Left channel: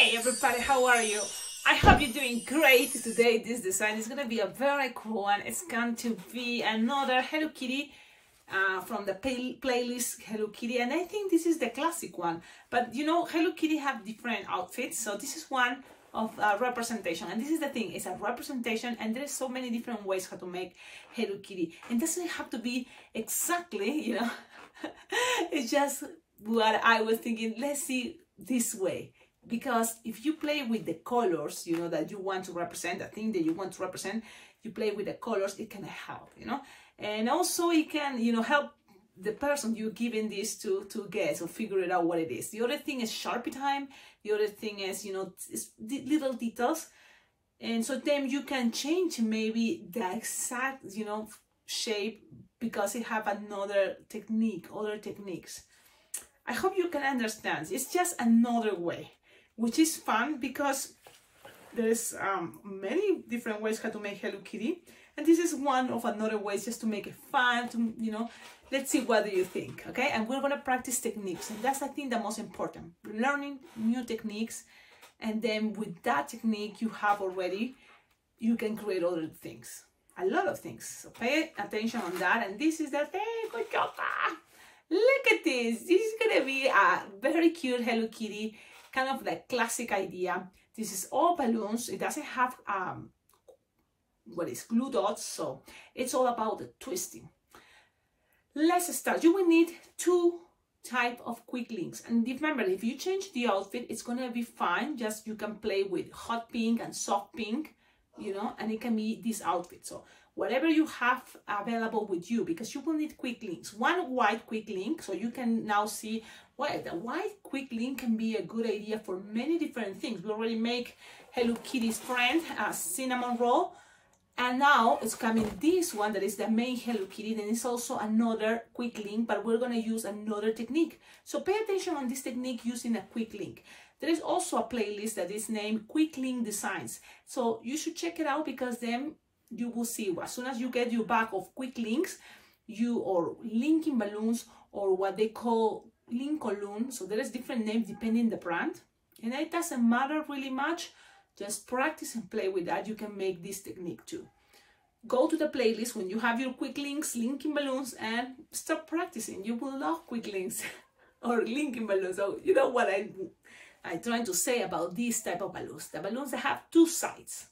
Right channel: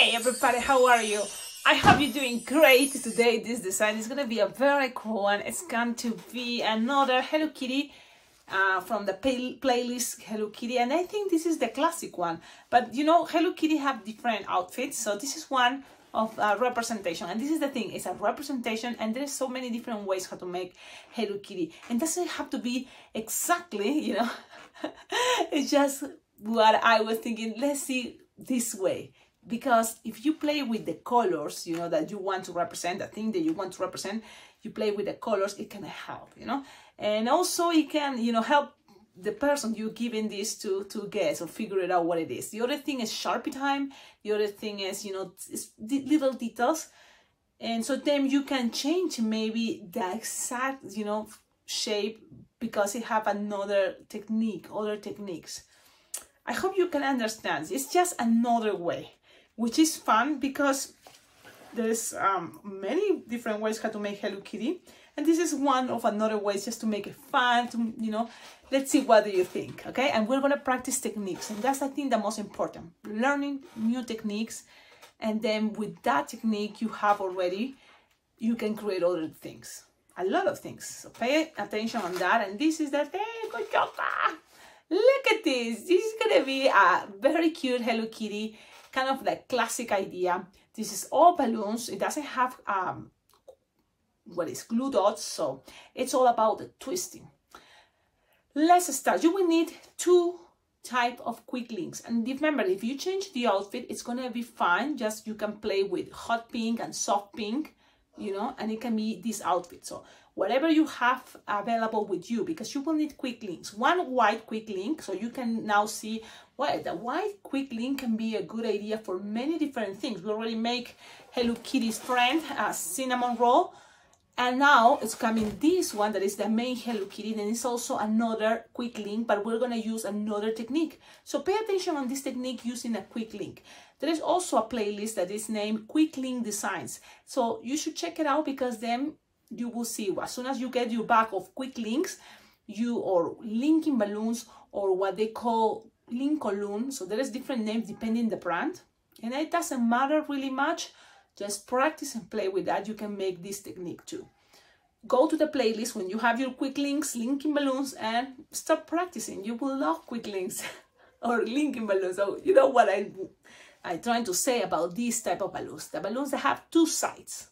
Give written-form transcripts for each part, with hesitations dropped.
Hey everybody, how are you? I hope you're doing great. Today this design is going to be a very cool one. It's going to be another Hello Kitty from the playlist Hello Kitty, and I think this is the classic one. But you know, Hello Kitty have different outfits, so this is one of representation. And this is the thing, it's a representation, and there's so many different ways how to make Hello Kitty. And it doesn't have to be exactly, you know, it's just what I was thinking, let's see this way. Because if you play with the colors, you know, that you want to represent, the thing that you want to represent, you play with the colors, it can help, you know. And also it can, you know, help the person you're giving this to guess or figure it out what it is. The other thing is Sharpie time. The other thing is, you know, little details. And so then you can change maybe the exact, you know, shape because it have another technique, other techniques. I hope you can understand. It's just another way, which is fun because there's many different ways how to make Hello Kitty, and this is one of another ways just to make it fun, to, you know, let's see what do you think, okay? And we're gonna practice techniques, and that's I think the most important, learning new techniques, and then with that technique you have already, you can create other things, a lot of things, so pay attention on that. And this is the thing. Good job. Look at this. This is gonna be a very cute Hello Kitty, kind of the classic idea. This is all balloons. It doesn't have what is glue dots, so it's all about the twisting. Let's start. You will need two type of quick links, and remember, if you change the outfit, it's gonna be fine. Just you can play with hot pink and soft pink, you know, and it can be this outfit. So whatever you have available with you, because you will need quick links. One white quick link, so you can now see why the white quick link can be a good idea for many different things. We already make Hello Kitty's friend, cinnamon roll, and now it's coming this one that is the main Hello Kitty. Then it's also another quick link, but we're gonna use another technique. So pay attention on this technique using a quick link. There is also a playlist that is named Quick Link Designs, so you should check it out, because then you will see as soon as you get your bag of quick links, or linking balloons, or what they call link balloon. So there is different names depending the brand, and it doesn't matter really much. Just practice and play with that. You can make this technique too. Go to the playlist when you have your quick links, linking balloons, and start practicing. You will love quick links or linking balloons. So you know what I'm trying to say about this type of balloons, the balloons that have two sides.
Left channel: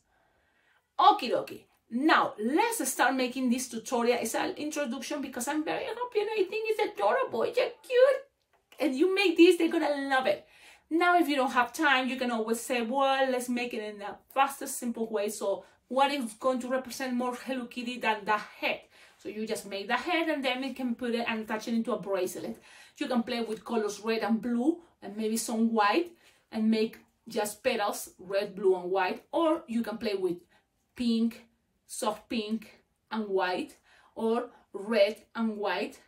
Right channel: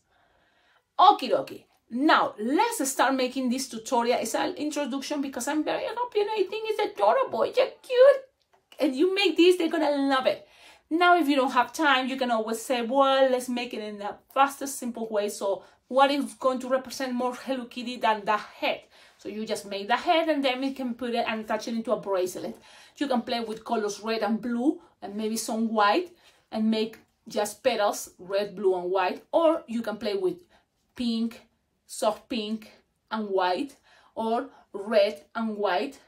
Okie dokie. Now, let's start making this tutorial. It's an introduction because I'm very happy and I think it's adorable. It's cute. And you make this, they're gonna love it. Now, if you don't have time, you can always say, well, let's make it in the fastest, simple way. So what is going to represent more Hello Kitty than the head? So you just make the head, and then we can put it and attach it into a bracelet. You can play with colors red and blue and maybe some white and make just petals, red, blue, and white. Or you can play with pink, soft pink and white, or red and white.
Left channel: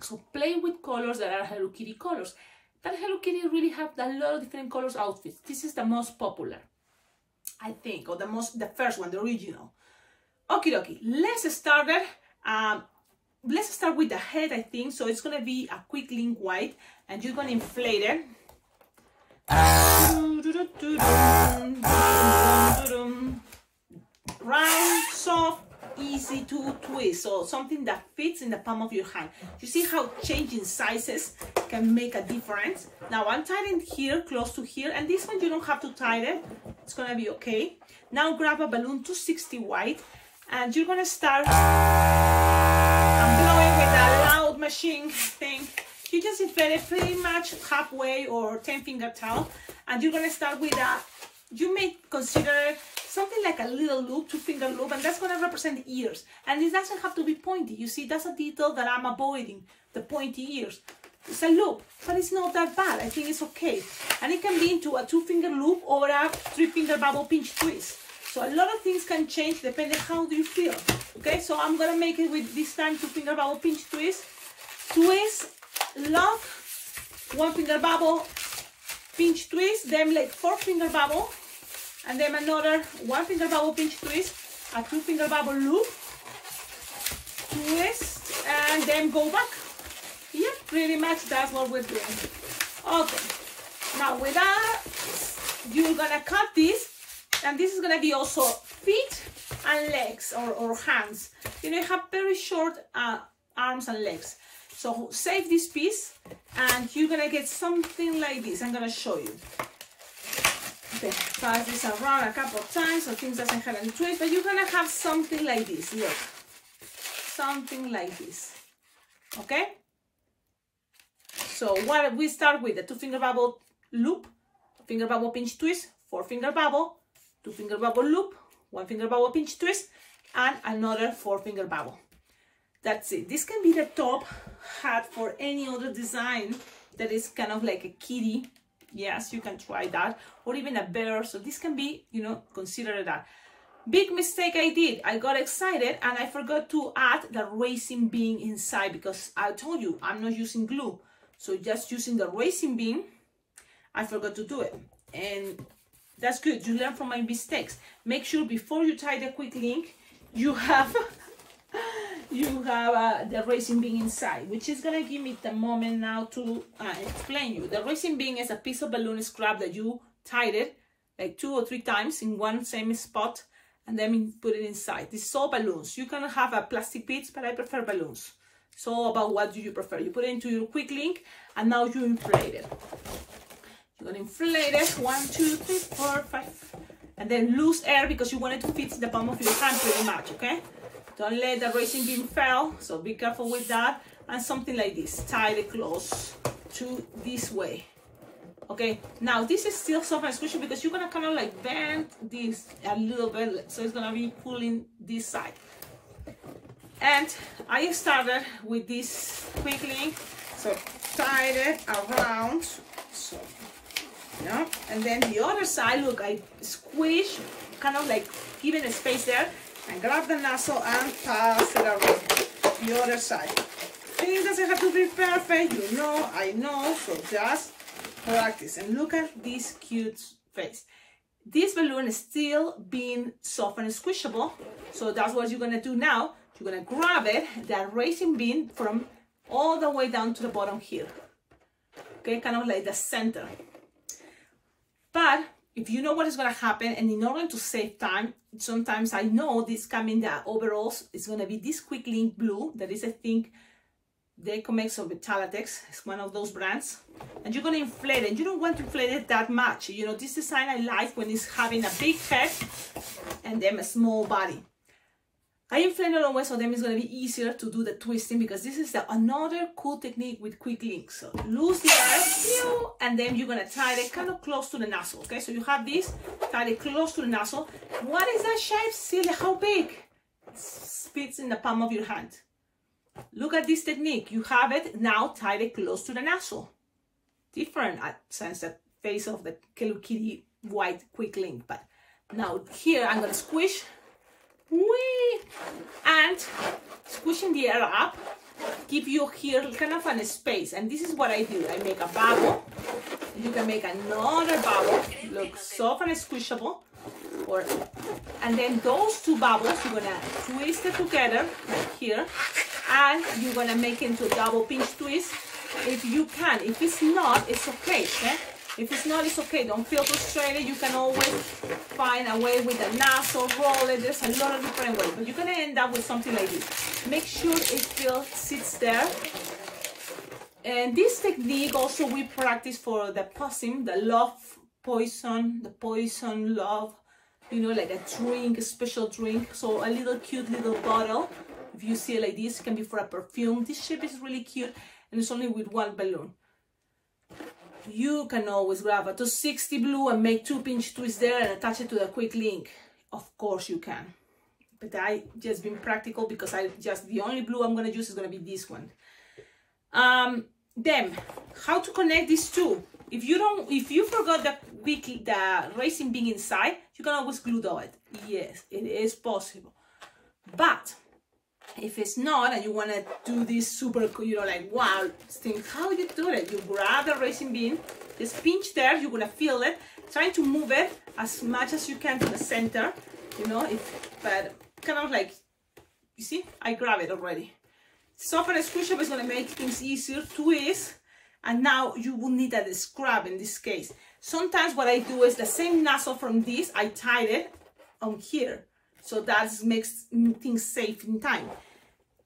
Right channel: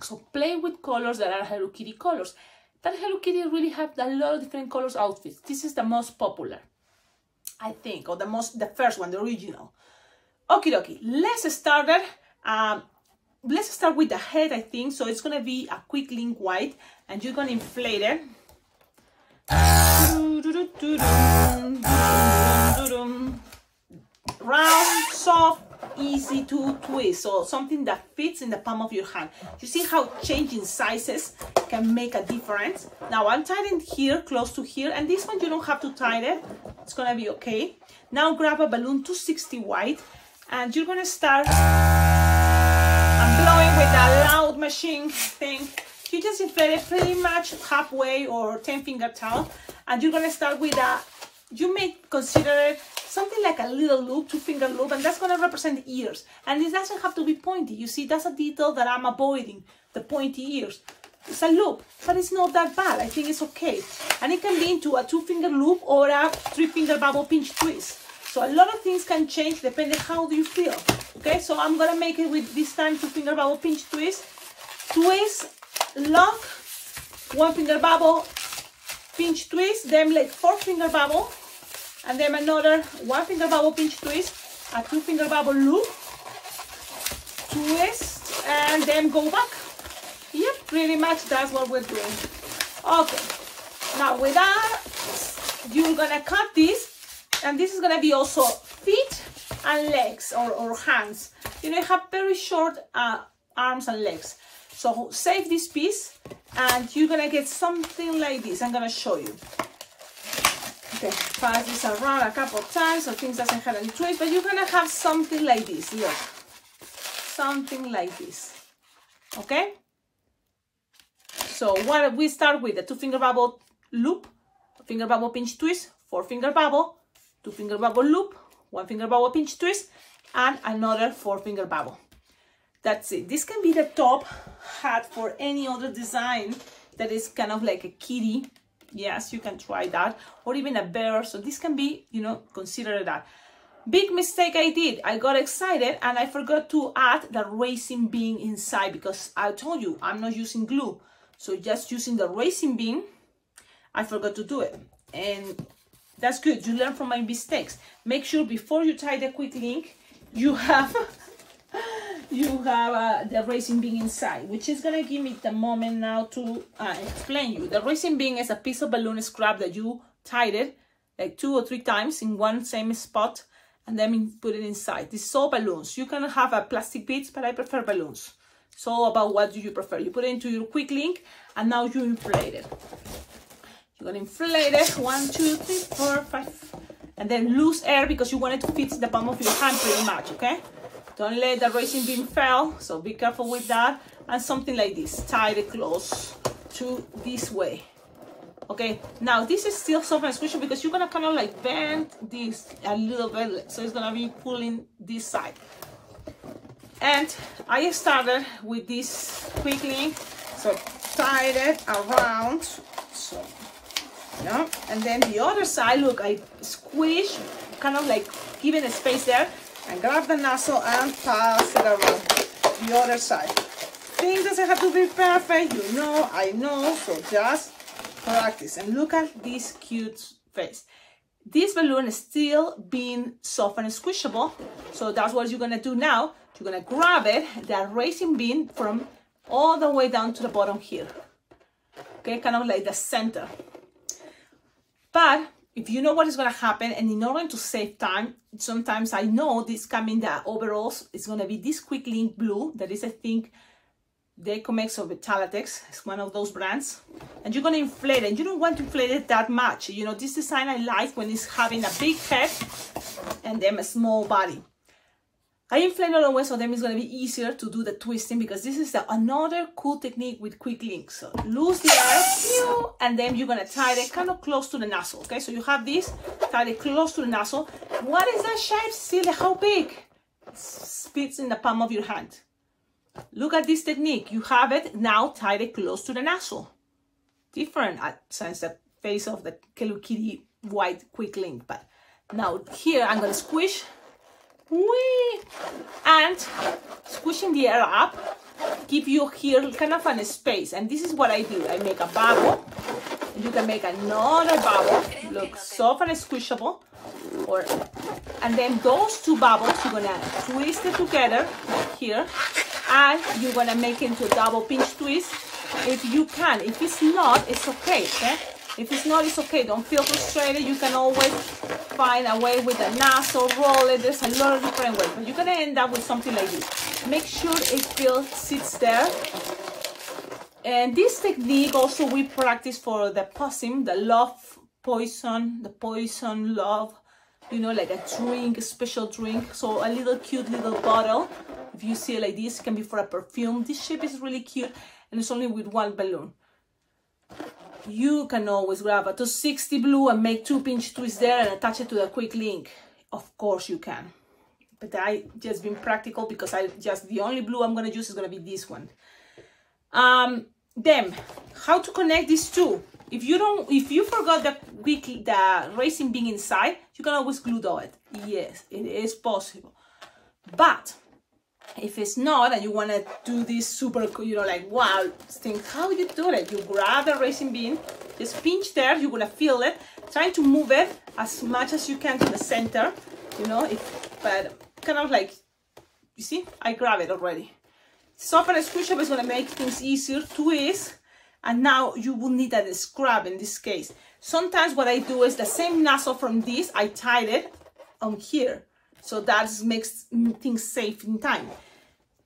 So play with colors that are Hello Kitty colors. But Hello Kitty really have a lot of different colors outfits. This is the most popular, I think, or the first one, the original. Okie dokie, let's start it. Let's start with the head, I think. So it's gonna be a quick link white, and you're gonna inflate it. Round, soft, easy to twist, so something that fits in the palm of your hand. You see how changing sizes can make a difference. Now I'm tying here, close to here, and this one you don't have to tie it. It's gonna be okay. Now grab a balloon 260 white, and you're gonna start blowing with a loud machine thing. You just inflate it pretty much halfway or 10-finger towel, and you're gonna start with you may consider it something like a little loop, 2-finger loop, and that's going to represent ears. And it doesn't have to be pointy. You see, that's a detail that I'm avoiding, the pointy ears. It's a loop, but it's not that bad. I think it's okay. And it can be into a 2-finger loop or a 3-finger bubble pinch twist. So a lot of things can change depending how do you feel. Okay, so I'm going to make it with this time 2-finger bubble pinch twist. Twist, lock, 1-finger bubble, pinch twist, then like 4-finger bubble, and then another 1-finger bubble pinch twist, a 2-finger bubble loop, twist, and then go back. Yep, pretty much that's what we're doing. Okay, now with that, you're gonna cut this, and this is gonna be also feet and legs, or hands. You know, you have very short arms and legs. So save this piece, and you're gonna get something like this. I'm gonna show you. Okay, pass this around a couple of times so things doesn't have any twist, but you're gonna have something like this. Look, something like this. Okay. So what we start with the 2-finger bubble loop, finger bubble pinch twist, 4-finger bubble, 2-finger bubble loop, 1-finger bubble pinch twist, and another 4-finger bubble. That's it. This can be the top hat for any other design that is kind of like a kitty. Yes, you can try that, or even a bear. So this can be, you know, consider that. Big mistake I did. I got excited and I forgot to add the racing bean inside, because I told you I'm not using glue. So just using the racing bean, I forgot to do it. And that's good. You learn from my mistakes. Make sure before you tie the quick link, you have the racing bean inside, which is gonna give me the moment now to explain you. The racing bean is a piece of balloon scrap that you tied it like 2 or 3 times in one same spot, and then put it inside. This is all balloons. You can have a plastic beads, but I prefer balloons. So about what do you prefer? You put it into your quick link, and now you inflate it. You're gonna inflate it 1, 2, 3, 4, 5, and then lose air because you want it to fit the palm of your hand pretty much. Okay, don't let the racing bean fall, so be careful with that. And something like this, tie it close to this way. Okay, now this is still soft and squishy because you're gonna kind of like bend this a little bit, so it's gonna be pulling this side. And I started with this quick link, so tied it around, so yeah, and then the other side, look, I squish, kind of like even a space there, and grab the nozzle and pass it around the other side. Things doesn't have to be perfect, you know, I know, so just practice. And look at this cute face. This balloon is still being soft and squishable, so that's what you're gonna do now. You're gonna grab it, that racing bean, from all the way down to the bottom here. Okay, kind of like the center. But if you know what is gonna happen, and in order to save time, sometimes I know this coming the overalls, it's gonna be this quick link blue, that is, I think, the Ecomex or Vitalatex, it's one of those brands. And you're gonna inflate it. You don't want to inflate it that much. You know, this design I like when it's having a big head and then a small body. I inflate it always, so then it's going to be easier to do the twisting, because this is another cool technique with quick links. So lose the air, and then you're going to tie it kind of close to the nozzle. Okay, so you have this, tie it close to the nozzle. What is that shape, Cecilia? How big? It fits in the palm of your hand. Look at this technique. You have it now tied it close to the nozzle. Different since the face of the Hello Kitty white quick link. But now here I'm going to squish. Whee! And squishing the air up, give you here kind of a space. And this is what I do. I make a bubble. You can make another bubble. Look, soft and squishable. And then those 2 bubbles, you're gonna twist it together like here, and you're gonna make it into a double pinch twist if you can. If it's not, it's okay. Okay? If it's not, it's okay. Don't feel frustrated. You can always find a way with a nozzle, roll it. There's a lot of different ways, but you're gonna end up with something like this. Make sure it still sits there. And this technique also we practice for the possum, the love poison, the poison love, you know, like a drink, a special drink. So a little cute little bottle. If you see it like this, it can be for a perfume. This shape is really cute, and it's only with 1 balloon. You can always grab a 260 blue and make 2 pinch twists there and attach it to the quick link. Of course you can. But I just been practical because the only blue I'm going to use is going to be this one. Then, how to connect these 2? If you forgot the racing bean inside, you can always glue it. Yes, it is possible. But if it's not, and you want to do this super, you know, like, wow, think, how you do it? You grab the racing bean, just pinch there, you're going to feel it, try to move it as much as you can to the center, you know, but kind of like, you see, I grab it already. Soft and squishable is going to make things easier, twist, and now you will need a scrub in this case. Sometimes what I do is the same nozzle from this, I tied it on here. So that makes things safe in time.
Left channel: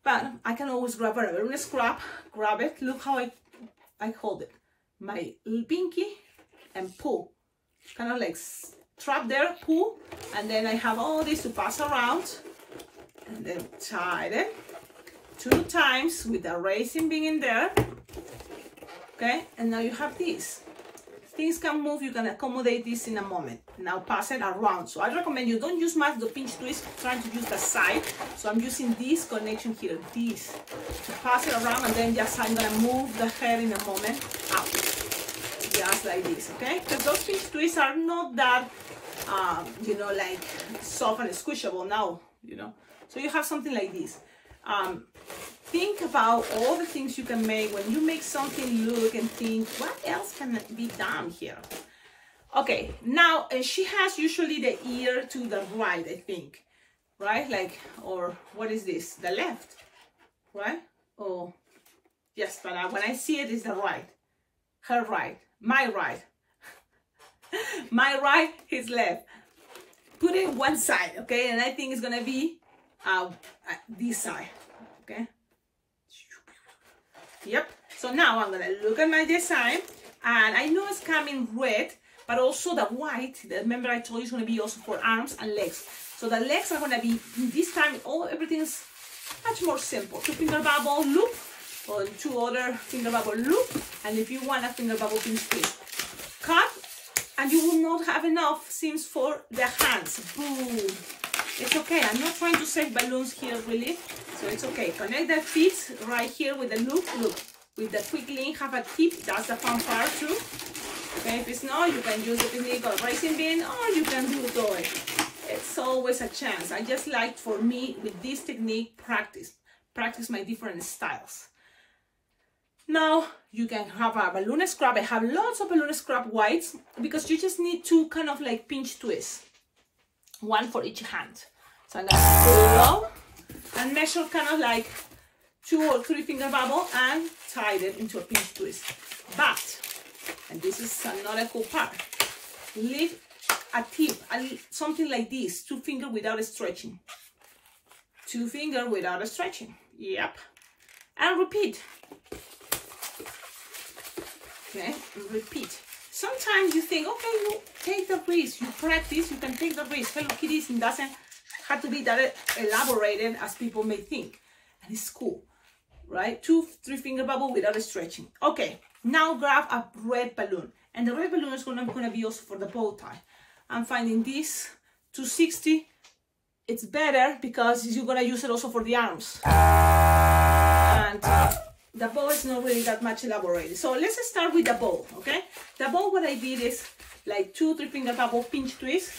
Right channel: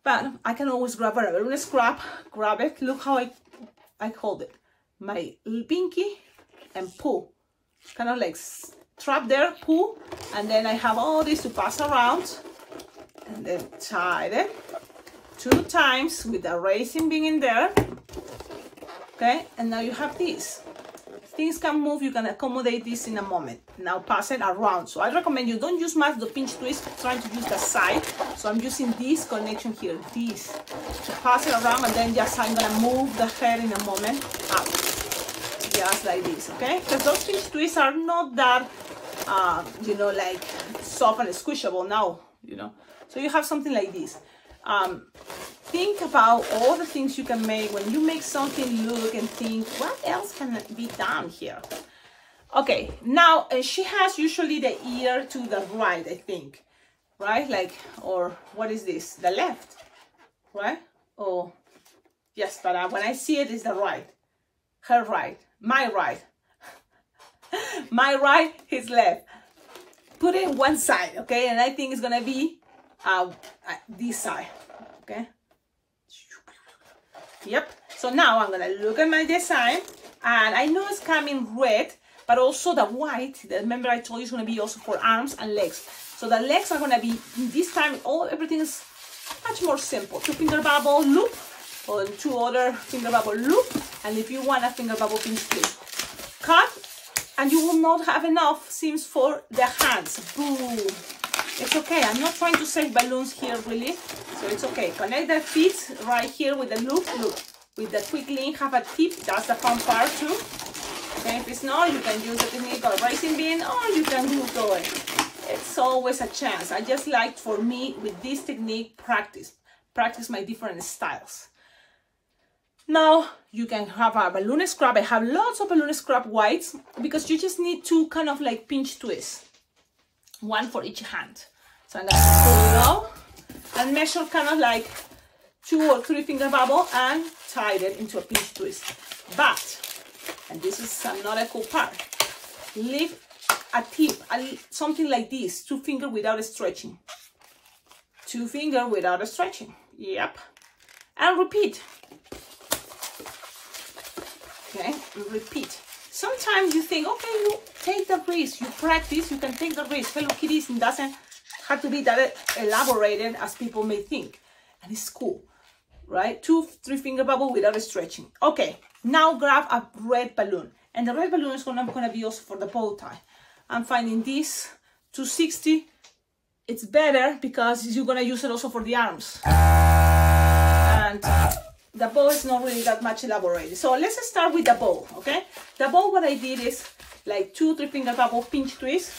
But I can always grab a balloon scrap, grab it. Look how I hold it. My pinky and pull. Kind of like trap there, pull. And then I have all this to pass around. And then tie it 2 times with the racing being in there. Okay, and now you have this. Things can move, you can accommodate this in a moment. Now pass it around. So I recommend you don't use much the pinch twist, trying to use the side. So I'm using this connection here, this, to pass it around, and then just I'm gonna move the head in a moment up, just like this, okay? Because those pinch twists are not that, you know, like soft and squishable now, you know. So you have something like this. Think about all the things you can make. When you make something, look and think, what else can be done here? Okay, now she has usually the ear to the right, I think, right? Like, or what is this? The left, right? Oh, yes, but when I see it, it's the right. Her right, my right. My right, his left. Put it one side, okay? And I think it's gonna be this side, okay? Yep. So now I'm gonna look at my design, and I know it's coming red, but also the white. Remember I told you it's gonna be also for arms and legs. So the legs are gonna be this time. Everything is much more simple. 2 finger bubble loop, or 2 other finger bubble loop, and if you want a finger bubble pinch twist, cut, and you will not have enough seams for the hands. Boom. It's okay. I'm not trying to save balloons here, really. So it's okay. Connect the feet right here with the loop. Look, with the quick link, have a tip. That's the fun part too. Okay, if it's not, you can use the technique of racing bean, or you can do it. It's always a chance. I just like, for me, with this technique, practice my different styles. Now you can have a balloon scrap. I have lots of balloon scrap whites because you just need 2 kind of like pinch twists. 1 for each hand. So I'm gonna pull it out and measure kind of like 2 or 3 finger bubble and tie it into a pinch twist. But, and this is another cool part, leave a tip, something like this, 2 finger without stretching. 2 finger without stretching. Yep. And repeat. Okay, repeat. Sometimes you think, okay, you take the risk, you practice, you can take the risk. Hello Kitty doesn't have to be that elaborated as people may think. And it's cool, right? 2, 3 finger bubble without stretching. Okay, now grab a red balloon. And the red balloon is gonna be also for the bow tie. I'm finding this 260. It's better because you're gonna use it also for the arms. And the bow is not really that much elaborated. So let's start with the bow, okay? The bow, what I did is like 2 or 3 finger bubble pinch twist.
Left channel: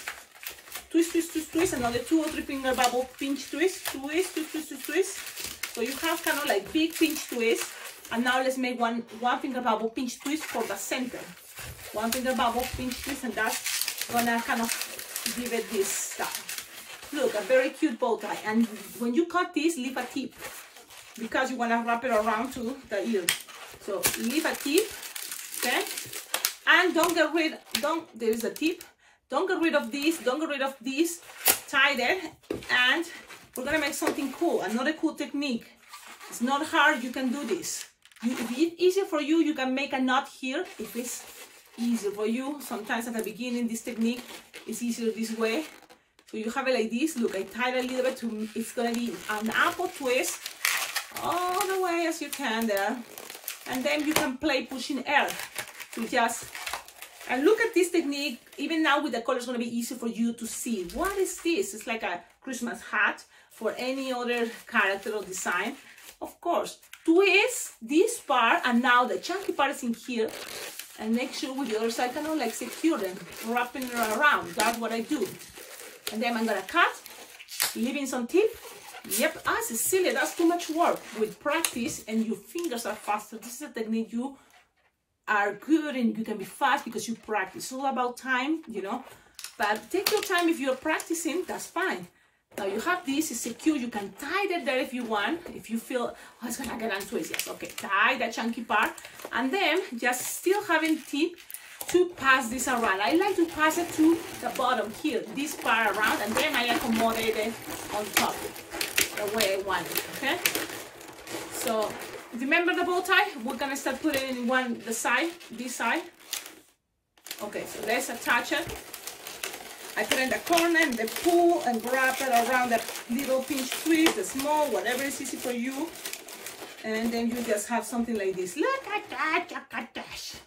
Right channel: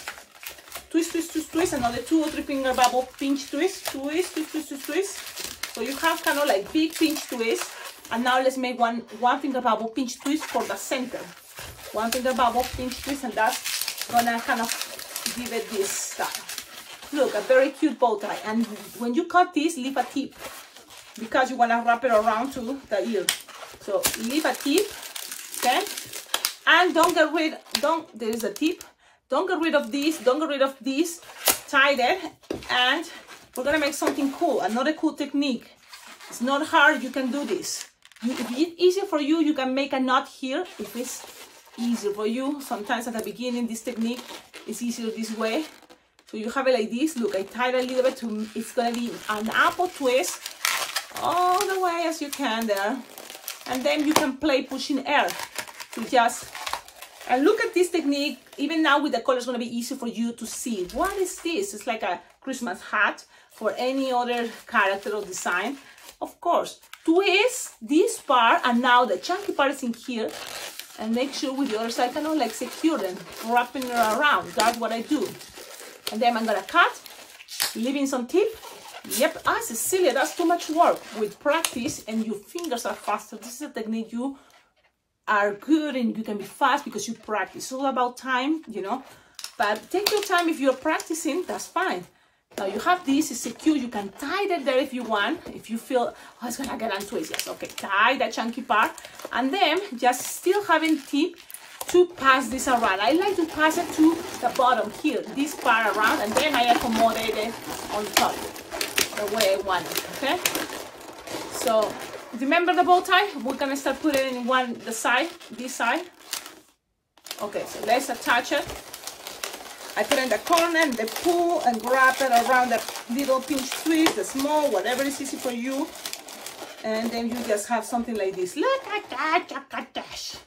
Twist, twist, twist, twist. Another 2 or 3 finger bubble pinch twist. Twist, twist, twist, twist, twist. So you have kind of like big pinch twist. And now let's make one finger bubble pinch twist for the center. 1 finger bubble pinch twist, and that's gonna kind of give it this style. Look, a very cute bow tie. And when you cut this, leave a tip, because you want to wrap it around to the ear. So leave a tip, okay? And there's a tip. Don't get rid of this, don't get rid of this. Tie it, and we're gonna make something cool, another cool technique. It's not hard, you can do this. If it's easier for you, you can make a knot here. If it's easier for you, sometimes at the beginning, this technique is easier this way. So you have it like this. Look, I tied a little bit to, it's gonna be an apple twist all the way as you can there, and then you can play pushing air to just, and look at this technique. Even now with the color, it's going to be easy for you to see what is this. It's like a Christmas hat for any other character or design. Of course, twist this part, and now the chunky part is in here, and make sure with the other side kind of like secure them, wrapping it around. That's what I do. And then I'm gonna cut, leaving some tip. Yep, Cecilia, that's too much work. With practice, and your fingers are faster. This is a technique you are good, and you can be fast because you practice. It's all about time, you know. But take your time. If you're practicing, that's fine. Now you have this, it's secure. You can tie it there if you want. If you feel, oh, it's gonna get untwisted. Yes, okay, tie that chunky part, and then just still having tip, to pass this around. I like to pass it to the bottom here, this part around, and then I accommodate it on top the way I want it, okay? So remember the bow tie? We're gonna start putting it in this side. Okay, so let's attach it. I put it in the corner and then pull and grab it around the little pinch twist, the small, whatever is easy for you. And then you just have something like this. Look at that.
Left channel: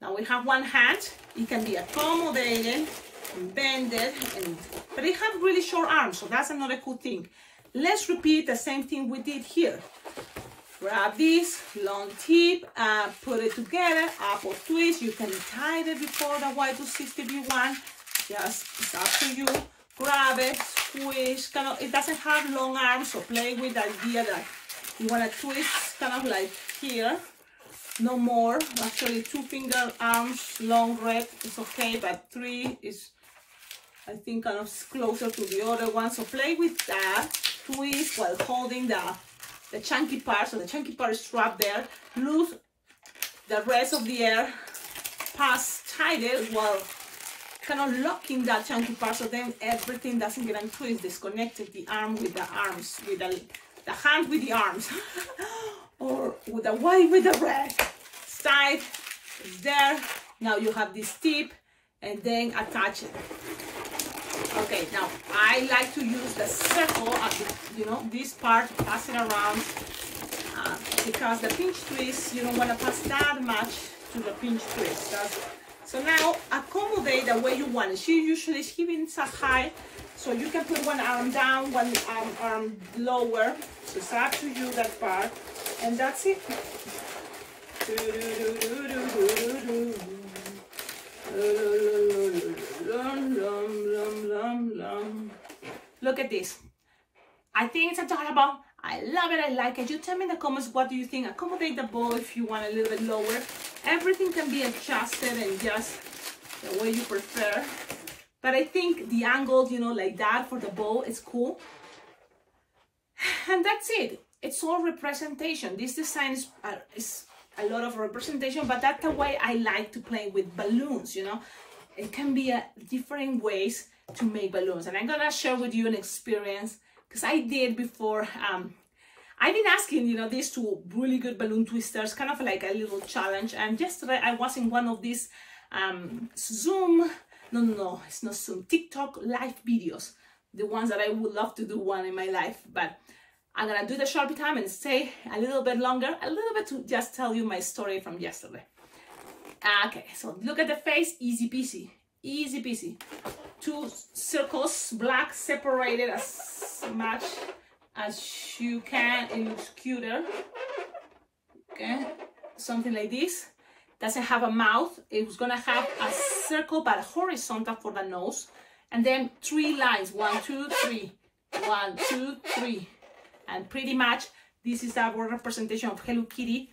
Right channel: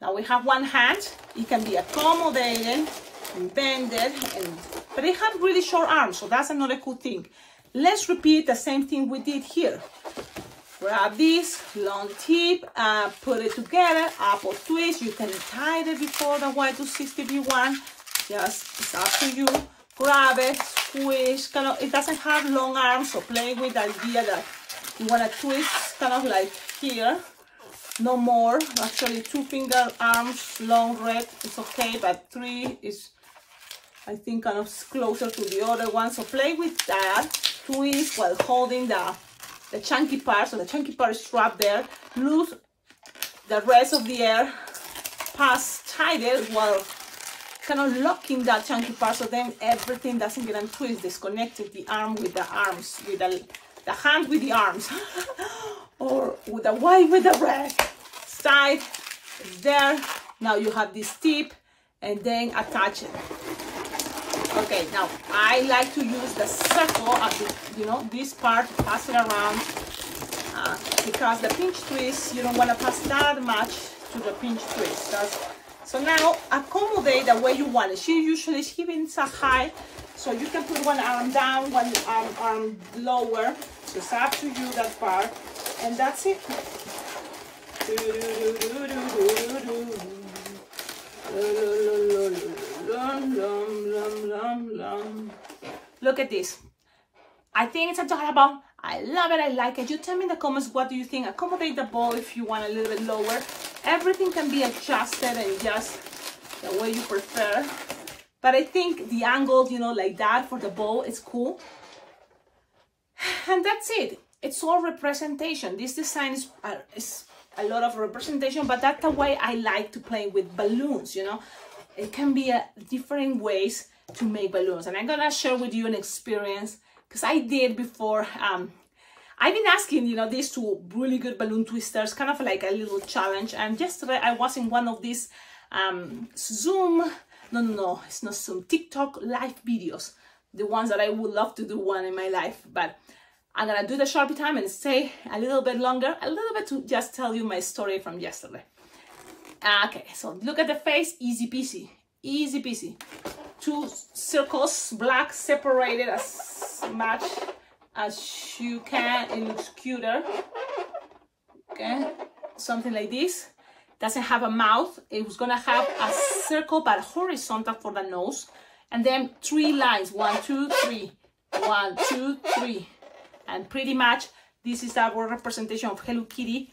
Now we have one hand. It can be accommodated and bended, but it has really short arms, so that's another cool thing. Let's repeat the same thing we did here. Grab this long tip, put it together, apple twist. You can tie it before the Y260V1. Just, it's up to you. Grab it, squish. It doesn't have long arms, so play with the idea that you want to twist kind of like here. No more. Actually, 2-finger arms, long red is okay, but 3 is, I think, kind of closer to the other one. So play with that. Twist while holding the chunky part. So the chunky part is trapped there. Lose the rest of the air. Pass tight it while kind of locking that chunky part, so then everything doesn't get untwisted. Disconnected the arm with the arms, with the hand with the arms, or with the white with the red. It's tight, it's there. Now you have this tip, and then attach it. Okay, now I like to use the circle, this part, pass it around, because the pinch twist, you don't want to pass that much to the pinch twist. So now accommodate the way you want it. She usually is giving so high, so you can put one arm down, one arm lower. So it's up to you, that part, and that's it. Look at this. I think it's adorable. I love it. I like it. You tell me in the comments, what do you think? Accommodate the bow if you want a little bit lower. Everything can be adjusted and just the way you prefer. But I think the angle, like that for the bow is cool. And that's it. It's all representation. This design is a lot of representation, but that's the way I like to play with balloons, It can be different ways to make balloons. And I'm gonna share with you an experience, because I did before. I've been asking, these two really good balloon twisters, kind of like a little challenge. And yesterday I was in one of these Zoom, no, it's not Zoom, TikTok live videos. The ones that I would love to do one in my life. But I'm gonna do the Sharpie time and stay a little bit longer, a little bit to just tell you my story from yesterday. Okay, so look at the face, easy peasy, easy peasy. 2 circles, black, separated as much as you can. It looks cuter. Okay, something like this. Doesn't have a mouth. It was gonna have a circle but horizontal for the nose, and then 3 lines, 1, 2, 3, 1, 2, 3, and pretty much this is our representation of Hello Kitty.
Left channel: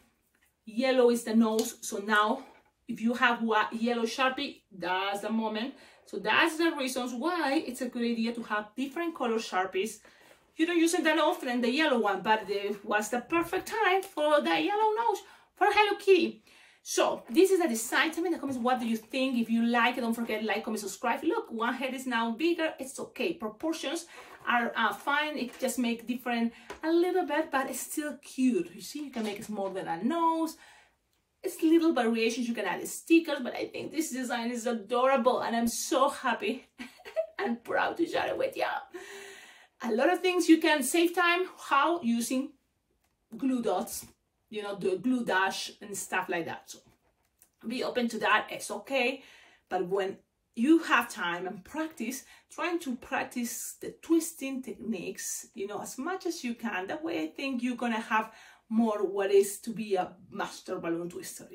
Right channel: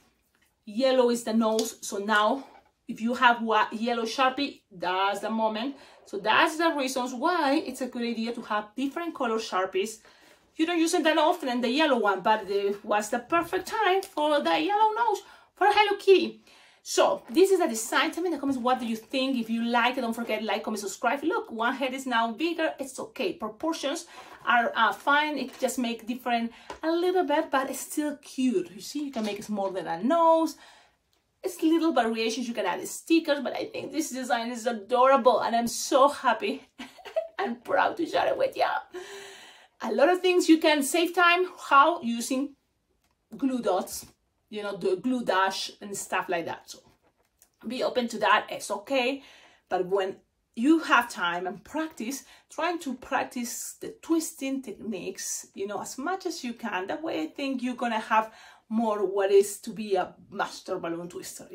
Yellow is the nose, so now if you have yellow Sharpie, that's the moment. So that's the reasons why it's a good idea to have different color Sharpies. You don't use it that often, the yellow one, but it was the perfect time for the yellow nose for Hello Kitty. So this is the design. Tell me in the comments, what do you think? If you like it, don't forget, like, comment, subscribe. Look, one head is now bigger. It's okay. Proportions are fine. It just make different a little bit, but it's still cute. You see, you can make it smaller than a nose. It's little variations. You can add stickers, but I think this design is adorable, and I'm so happy and proud to share it with you. A lot of things you can save time. How? Using glue dots, the glue dash and stuff like that. So be open to that. It's okay. But when you have time and practice, trying to practice the twisting techniques, as much as you can. That way I think you're gonna have more what is to be a master balloon twister,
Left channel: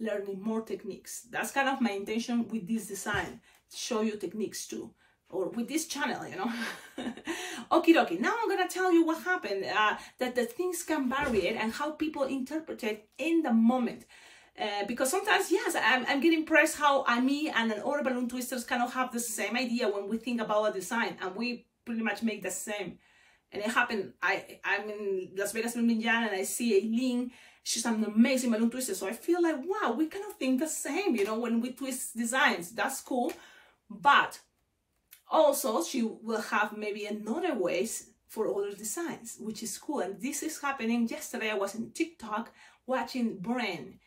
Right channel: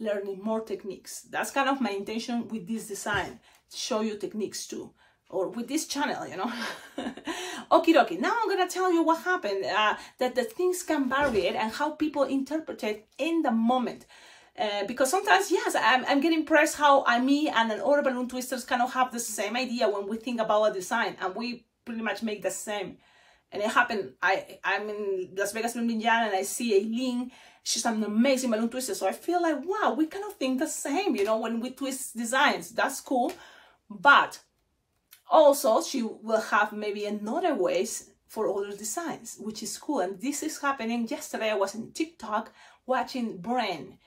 learning more techniques. That's kind of my intention with this design, to show you techniques too, or with this channel, Okie dokie. Now I'm gonna tell you what happened, that the things can vary and how people interpret it in the moment. Because sometimes, yes, I'm getting impressed how me and other balloon twisters kind of have the same idea when we think about a design, and we pretty much make the same. And it happened, I'm in Las Vegas, and I see Aileen, She's an amazing balloon twister. So I feel like, wow, we kind of think the same, you know, when we twist designs. That's cool. But also she will have maybe another ways for other designs, which is cool. And this is happening. Yesterday I was in TikTok watching Brain.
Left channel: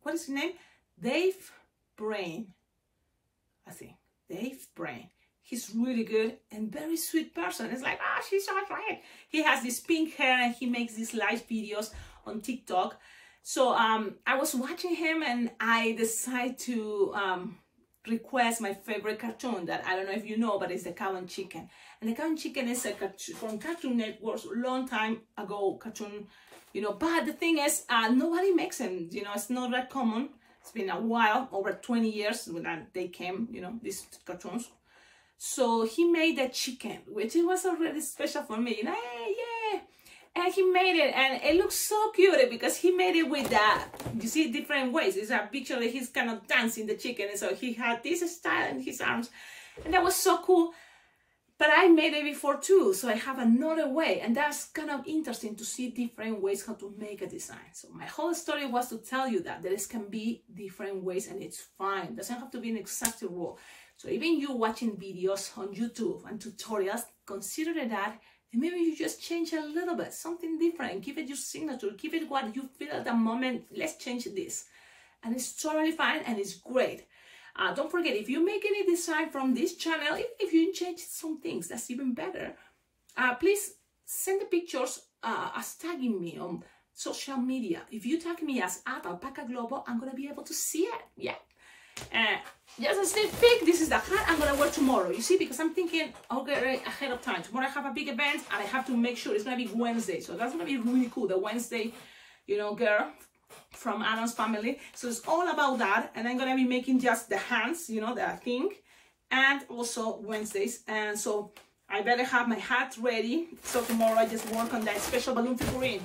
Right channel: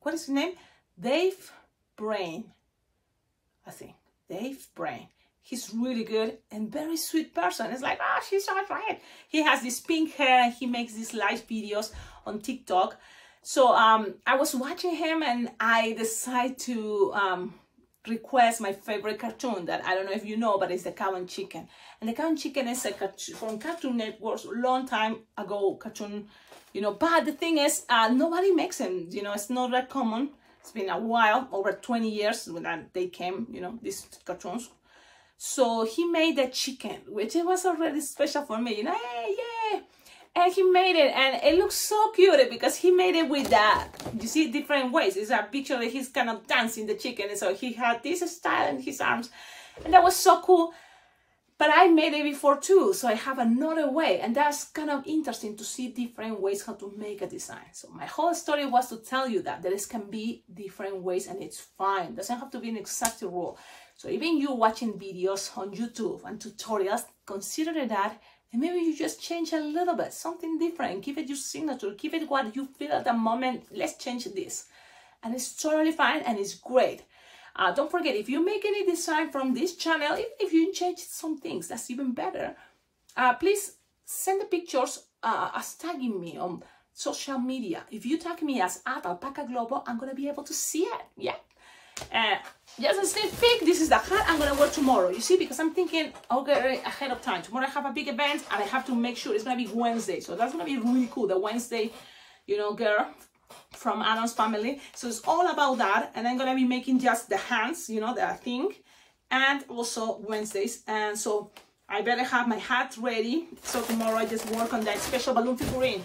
What is his name? Dave Brain. I think Dave Brain. He's really good and very sweet person. It's like, oh, she's so right. He has this pink hair and he makes these live videos on TikTok. So I was watching him and I decided to request my favorite cartoon that I don't know if you know, but it's the Cow and Chicken. And the Cow and Chicken is a cartoon from Cartoon Network, a long time ago cartoon, you know. But the thing is, nobody makes them, you know, it's not that common. It's been a while, over 20 years when they came, you know, these cartoons. So he made the chicken, which it was already special for me, you know, hey, yeah. And he made it, and it looks so cute because he made it with that. You see, different ways. It's a picture that he's kind of dancing the chicken, and so he had this style in his arms, and that was so cool. But I made it before too, so I have another way, and that's kind of interesting to see different ways how to make a design. So my whole story was to tell you that there can be different ways, and it's fine. It doesn't have to be an exact rule. So even you watching videos on YouTube and tutorials, consider that, and maybe you just change a little bit, something different, give it your signature, give it what you feel at the moment. Let's change this. And it's totally fine and it's great. Don't forget, if you make any design from this channel, if you change some things, that's even better. Please send the pictures as tagging me on social media. If you tag me as @alpacaglobo, I'm going to be able to see it. Yeah. Just a sneak peek, this is the hat I'm gonna wear tomorrow, you see, because I'm thinking, okay, ahead of time. Tomorrow I have a big event and I have to make sure it's gonna be Wednesday, so that's gonna be really cool. The Wednesday, you know, girl from Adam's family. So it's all about that, and I'm gonna be making just the hands, you know, the thing, and also Wednesdays. And so I better have my hat ready. So tomorrow I just work on that special balloon figurine.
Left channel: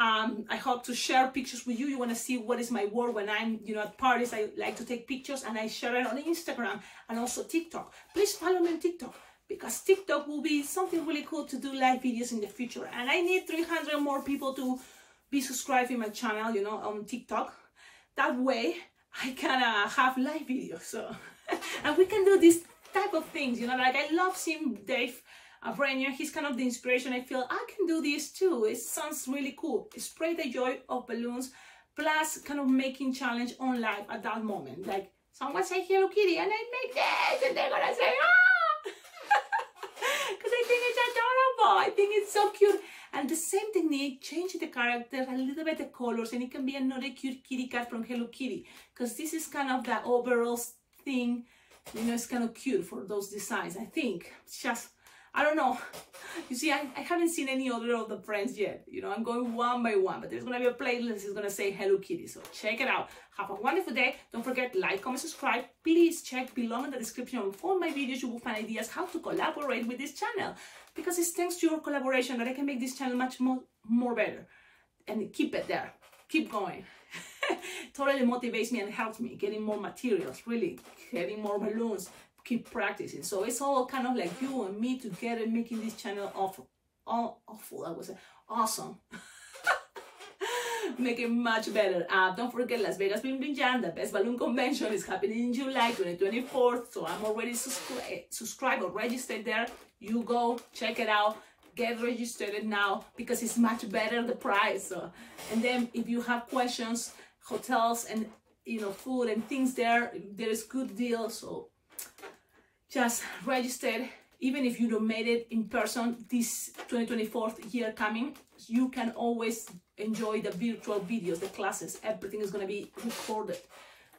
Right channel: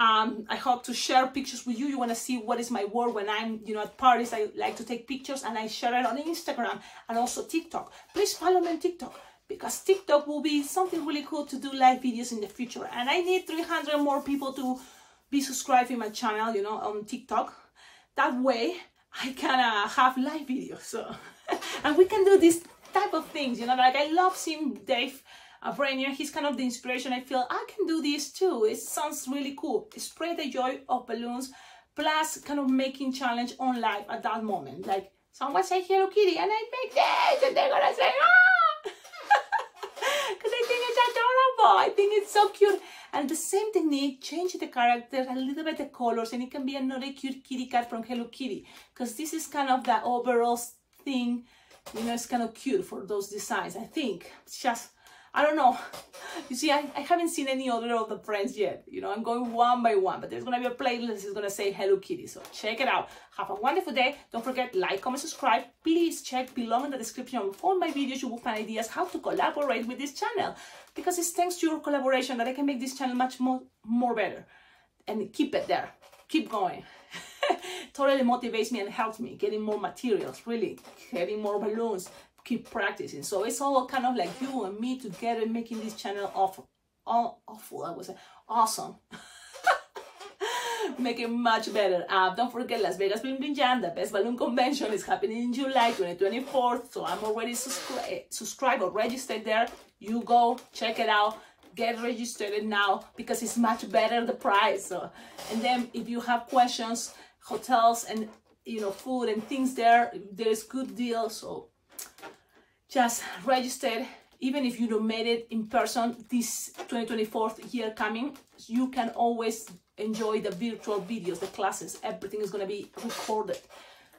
I hope to share pictures with you. You want to see what is my work when I'm, you know, at parties. I like to take pictures and I share it on Instagram and also TikTok. Please follow me on TikTok, because TikTok will be something really cool to do live videos in the future. And I need 300 more people to be subscribing my channel, you know, on TikTok. That way I can have live videos. So, and we can do this type of things, you know, like I love seeing Dave Brain. He's kind of the inspiration. I feel I can do this too. It sounds really cool. Spread the joy of balloons, plus kind of making challenge on live at that moment. Like someone say Hello Kitty and I make this and they're gonna say ah, because I think it's adorable. I think it's so cute. And the same technique, change the character a little bit, the colors, and it can be another cute kitty cat from Hello Kitty, because this is kind of the overall thing, you know. It's kind of cute for those designs. I think it's just, I don't know. You see, I haven't seen any other of the friends yet. You know, I'm going one by one, but there's going to be a playlist. It's going to say Hello Kitty. So check it out. Have a wonderful day. Don't forget, like, comment, subscribe. Please check below in the description of all my videos. You will find ideas how to collaborate with this channel, because it's thanks to your collaboration that I can make this channel much more better. And keep it there. Keep going. Totally motivates me and helps me getting more materials, really, getting more balloons. Keep practicing. So it's all kind of like you and me together making this channel awful, I would say, awesome. Make it much better. Don't forget, Las Vegas Balloon Jam, the best balloon convention, is happening in July 2024. So I'm already subscribed or registered there. You go check it out, get registered now, because it's much better the price. So, and then if you have questions, hotels and, you know, food and things there's good deals. So just register. Even if you don't made it in person this 2024 year coming, you can always enjoy the virtual videos, the classes. Everything is going to be recorded,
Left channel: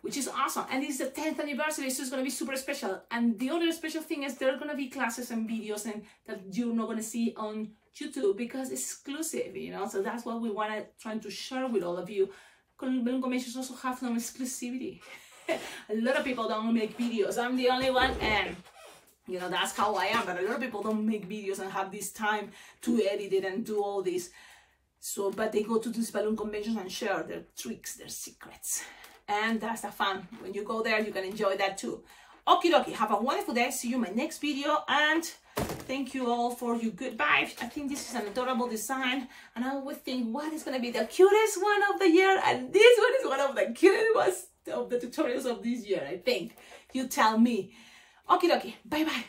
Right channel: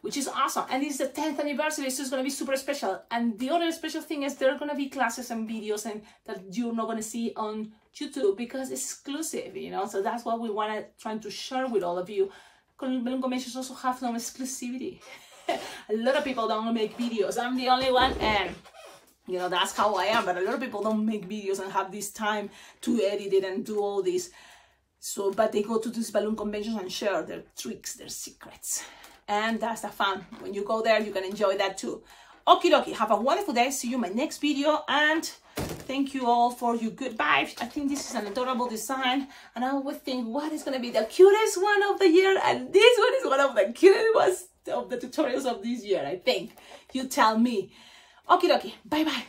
which is awesome. And it's the 10th anniversary, so it's going to be super special. And the other special thing is there are going to be classes and videos and that you're not going to see on YouTube, because it's exclusive, you know. So that's what we want to try to share with all of you. Balloon conventions also have some exclusivity. A lot of people don't make videos. I'm the only one, and you know, that's how I am. But a lot of people don't make videos and have this time to edit it and do all this. So, but they go to these balloon conventions and share their tricks, their secrets. And that's the fun. When you go there, you can enjoy that too. Okie dokie, have a wonderful day. See you in my next video, and thank you all for your good vibes. I think this is an adorable design, and I always think what is going to be the cutest one of the year, and this one is one of the cutest ones of the tutorials of this year, I think. You tell me. Okie dokie, bye bye.